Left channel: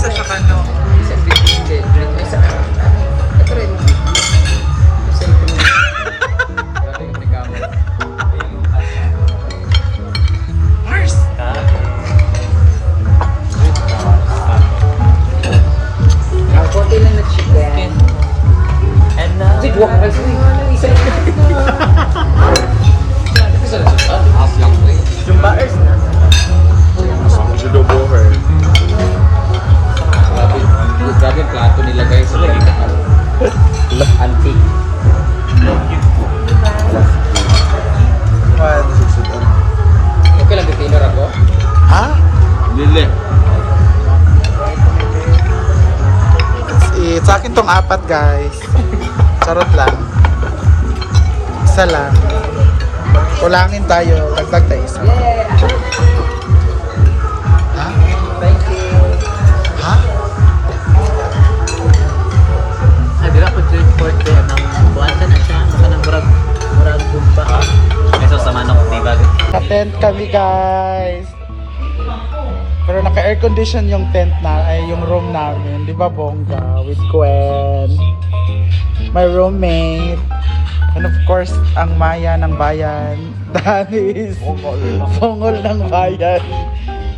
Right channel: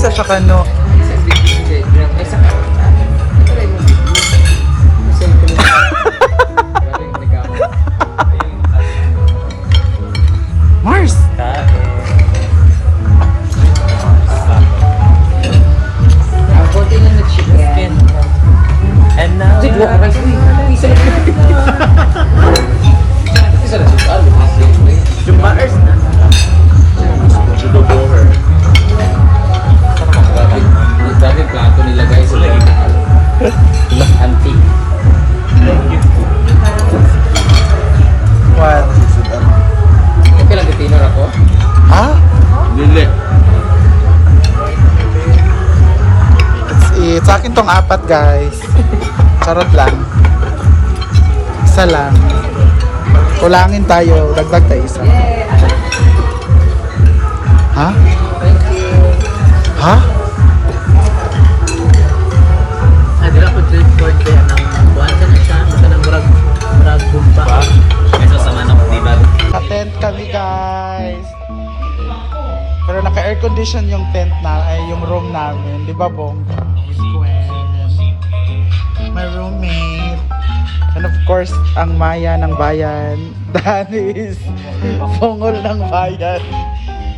Sa Sakano. It's it. Sa akin tong apat, guys. Charot lang. Isa lang. Kulangin tayo. Dagdag tayo isa. Ha? Ha? Ba? Naka-tent kami, guys. Naka-air condition yung tent na, ay yung room namin. Di ba, bongga? With Gwen. My roommate. And of course, ang Maya ng bayan. Danis. Sungol ng bayan.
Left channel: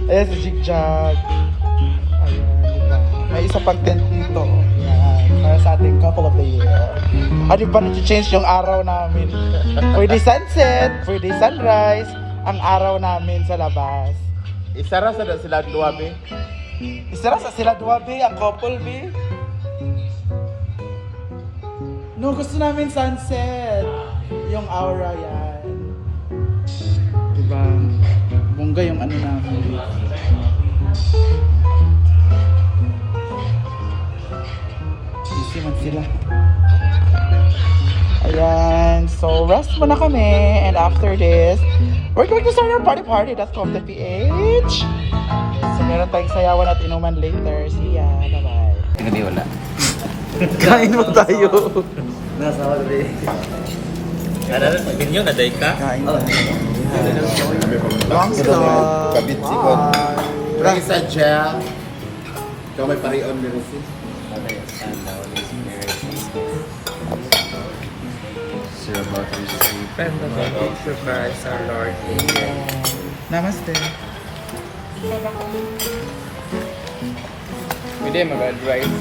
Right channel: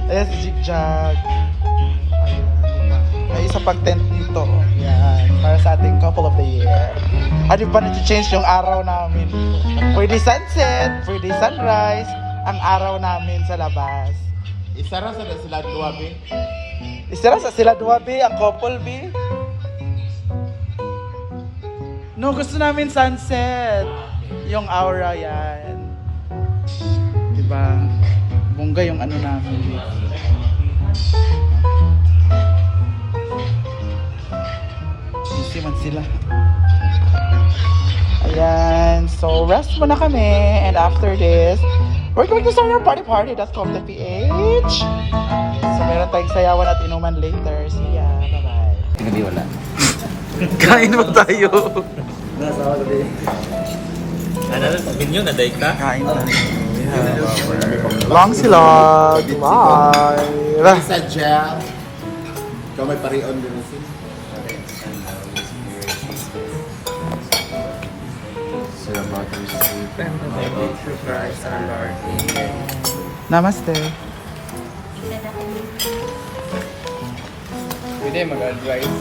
Ayan si Jigjag. Ayan, di ba? May isa pang tent dito. Ayan. Para sa ating couple of the year. Ano ba na-change yung araw namin? Pwede sunset, pwede sunrise, ang araw namin sa labas. Isara sa sila duwabe. Isira sa sila dua, B, ang couple, B. No, gusto namin sunset. Yung aura yan. Diba? Bongga yung ano namin. Busy man sila. Ayan. So, rest muna kami. And after this, we're going to start our party party. That's from the PH. So, meron tayong sayawan at inuman later. See ya. Bye-bye. Gabi wala. Kain mo tayo. Nasa ako gabi. Ano, sabi niyo, naday ka? Kain na. We have our long silog. Bye. Isa gel. Kamay parihan mo rin Sir about to receive and about to surprise our Lord. Amen. Namaste. Pwede mag-advise.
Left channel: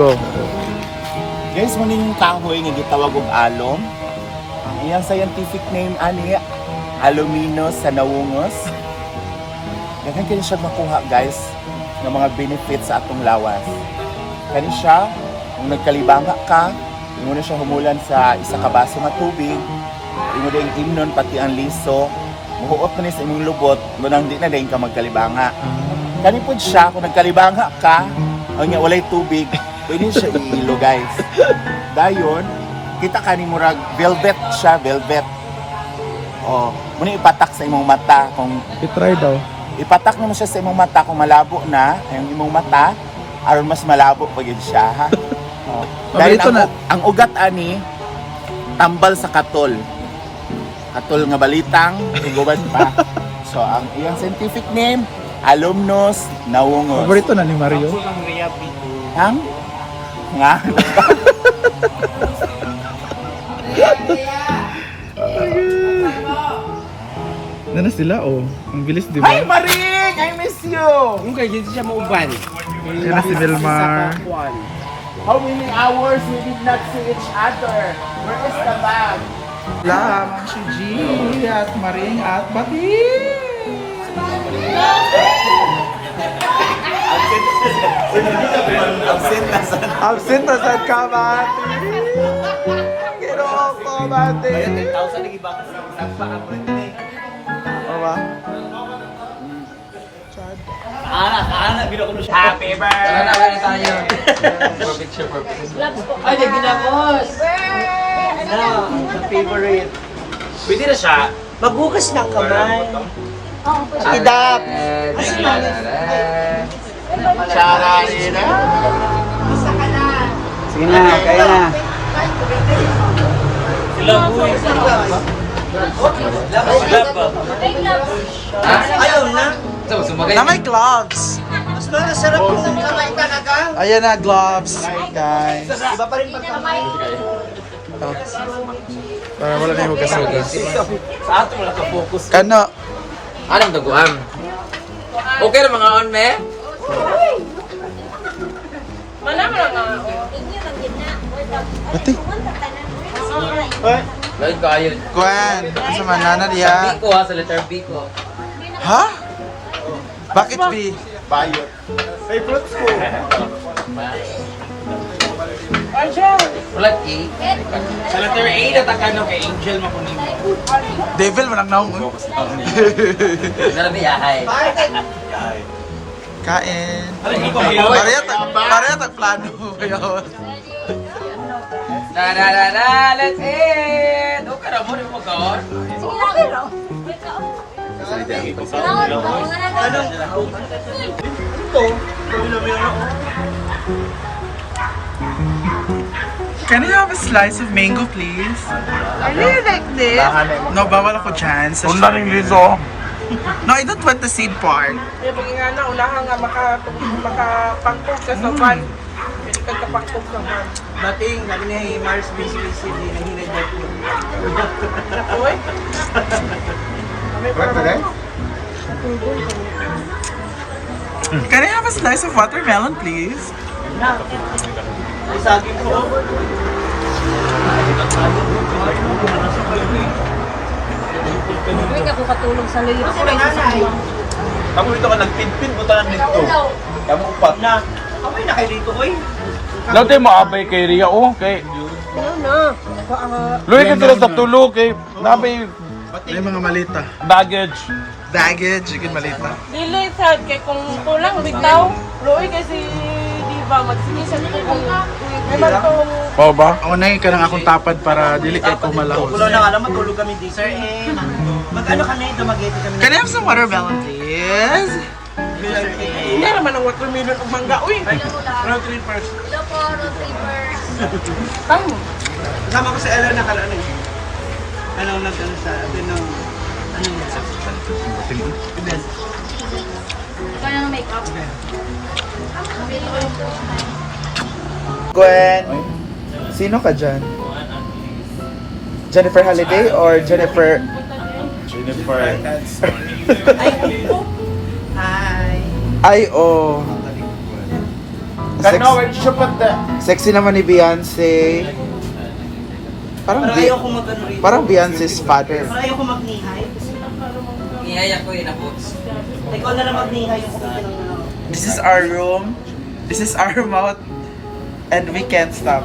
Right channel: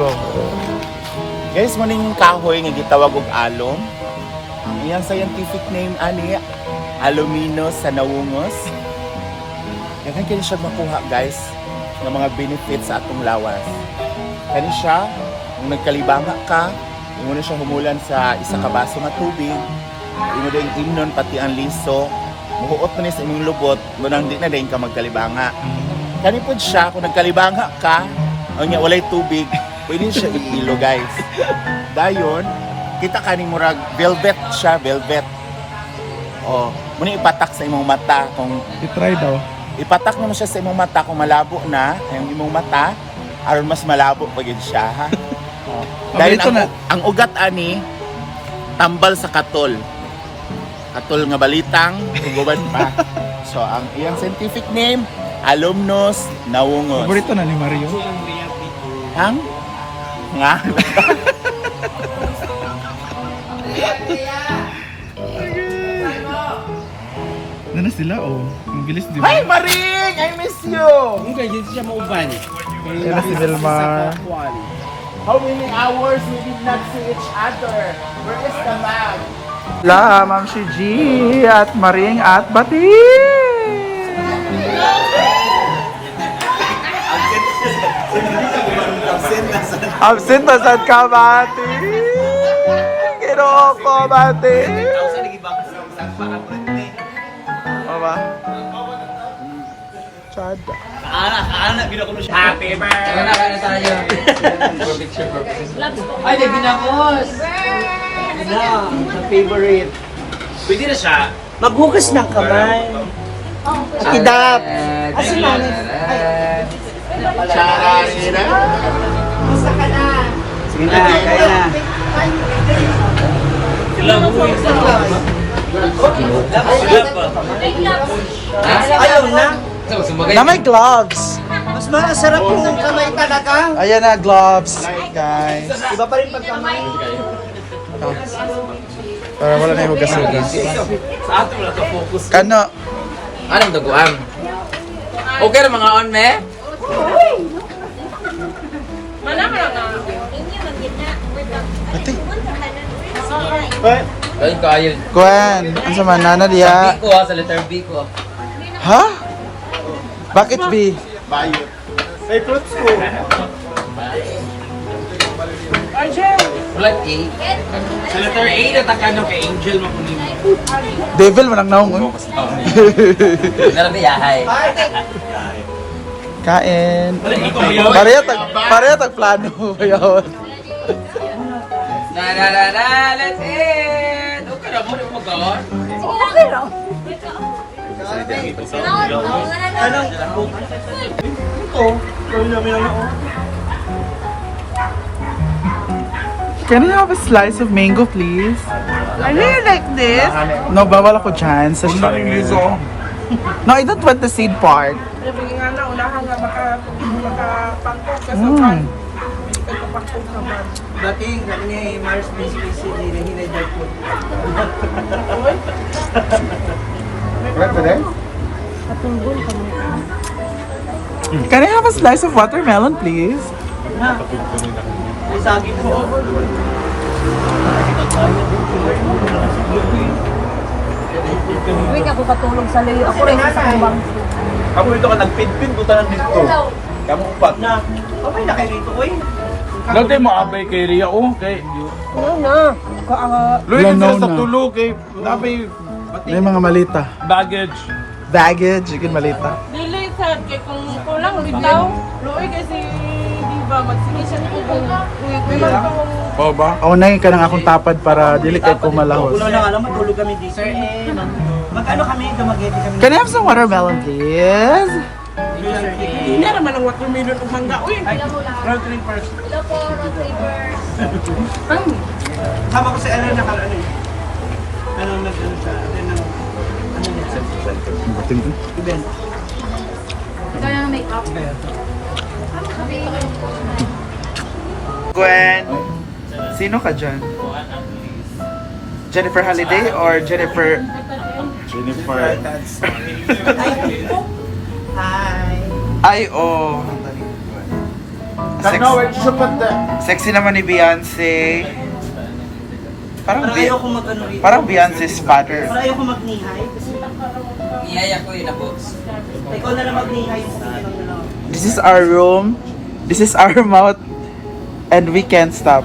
Go. Guys, mo yung kahoy nga gitawag og alum. Ang iyang scientific name ani Aluminous sanawungos. Daghan kini siya makuha guys ng mga benefits sa atong lawas. Kani siya, kung nagkalibanga ka, imo na siya humulan sa isa ka baso nga tubig, imo ding imnon pati ang liso, muhuot ni sa imong lubot, ngunang di na din ka magkalibanga. Kani po siya, kung nagkalibanga ka, niya walay tubig, pwede siya iilo guys. Dayon, kita ka ni murag velvet siya, velvet. O, muna ipatak sa imong mata kung I-try daw. ipatak mo siya sa imong mata kung malabo na ang imong mata aron mas malabo pa gyud siya ha. O, dahil ito ang, na- ang ugat ani tambal sa katol. Katol nga balitang huguban pa. so ang iyang scientific name Alumnus nawungos. Paborito na ni Mario. Hang? Nga. Ano sila oh? Ang bilis di Hi Maring! I miss you! Kaya dito siya mauban. Na si Vilmar. How many hours we did not see each other? Where is the bag? La, Ma'am si G at Maring at Bati. Absent na sad ka, Bati. Ginoo ko, Bati. Mama. Chad. Happy birthday! Tara na, kaya tayo. For picture purposes. Ay, naginamos! Na, sa favorite. Pwede na siya. Maghugas ng kamay. Kidap! Chararira. Sige na, kaya na. Ayaw na. So, sumagay. Na may gloves. Mas para sa sarap yung sanay talaga. Ayan na, gloves, guys. Iba pa rin pagkamay. Oh. Para wala na yung hugas-hugas. Sa atin wala ka focus. Kano? Anong daguan? Okay na mga on, me? Ate. Gwen, ang sama na na diya. B ko ha, sa letter B ko. Ha? Bakit B? Bayo. Ay, fruits ko. Wala A. Sa letter A na takano kay Angel mo kundi mo. Devil, manang naong. oh. Narabi yahay. Kain. Pareha tag, pareha tag plano. Ayun. Na na na na, let's eat! Okay na mo, di mo gawin. Can I have a slice of mango, please? I really like this. No, bawal ako dyan. Sa No, I don't want the seed part. Nga. Dating, sabi ni Mars Miss Miss hindi na ko. Uy, ba din? Can I have a slice of watermelon, please? Hindi ka po katulong sa layo. Ako rin sa ibang. Ako ito ka nagpinpin, buta ng dito. Kamu upat. Na. Okay na kayo dito, oy. Dati maabay kay Ria, oh, kay... Ano na? Luwi ka Yan, sila no, sa na. tulog, kay... Nabi, May mga malita. baggage. Baggage, ikin malita. dili sad kay kung kulang bitaw. Luoy kasi di ba matsini siya ko. Oo ba? Ako na ka ng akong tapad para dili kay kumalahos. na alam, matulog kami dito. Sir, eh, mag-ano kami, dumagete kami. Can I have some watermelon, please? Hindi naman ang watermelon o mangga. Uy, round three first. Kama ko sa Ella na kala ano. Ano nag-ano sa atin ng ano yun? Event. Kaya ng makeup. Gwen, sino ka dyan? Jennifer Holiday or Jennifer... Jennifer. Hi. Ay, oh. The... Sexy naman ni Beyonce. Parang, Parang Be- ayoko mag-ano rito. parang Beyonce's father. Parang ayoko mag-nihay. Nihaya ko yun, abos. Ikaw na lang mag-nihay. This is our room. This is our mouth. And we can't stop.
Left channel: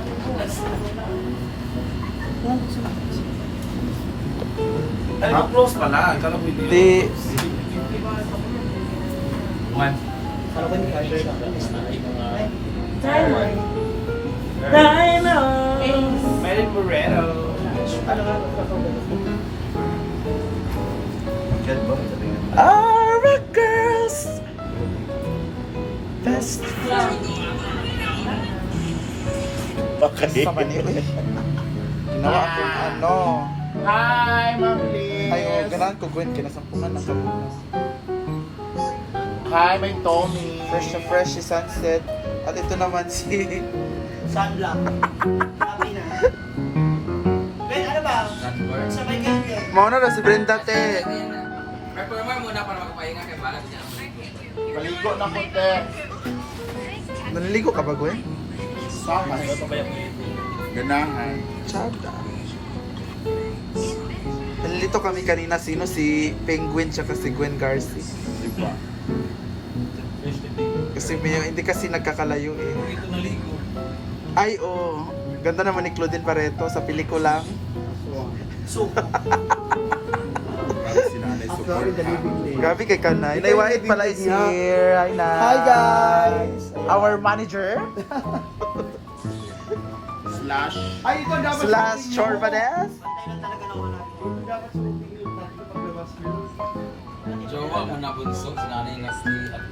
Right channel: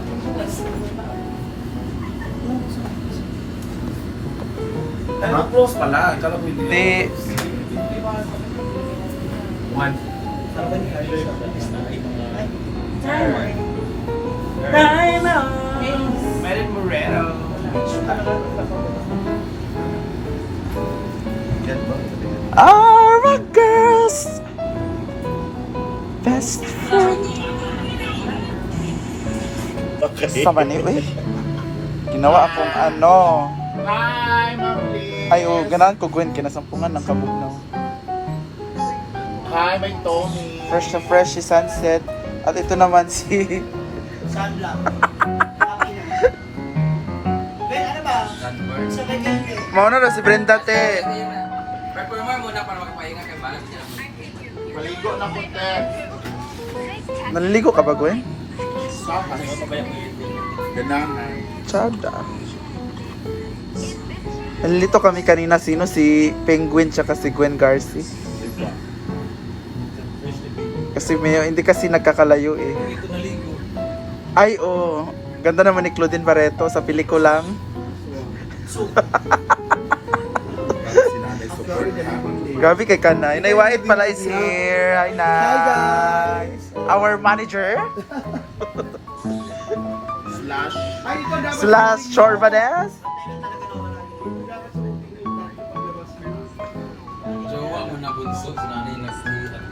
Ay, close pala. Kala ko hindi. Di, Merit Moreno. are a girl's best friend. Okay. Sama ni, uy. Ginawa akong ano. Hi, Ma'am Liz. Ay, oh, ganahan ko Gwen, kinasampungan ng kabugnaw. Hi, my Tommy. Fresh na fresh si Sunset. At ito naman si... Sunblock. Mauna daw si Brenda, te. Performer muna para makapahinga kay Balat sila. Maligo na ko, te. Naliligo ka ba, Gwen? Sahan. Ganahan. Nalilito kami kanina sino si Penguin tsaka si Gwen Garci. Kasi may, hindi kasi nagkakalayo eh. Ay, oo. Ganda naman ni Claudine Barreto sa pelikulang. Sinanay Gabi kay Kanay. Nay White pala is here. Hi, Nay. Hi, guys. Our manager Slash. slash Chorvades. Jowa mo na bunso, sinanay na si at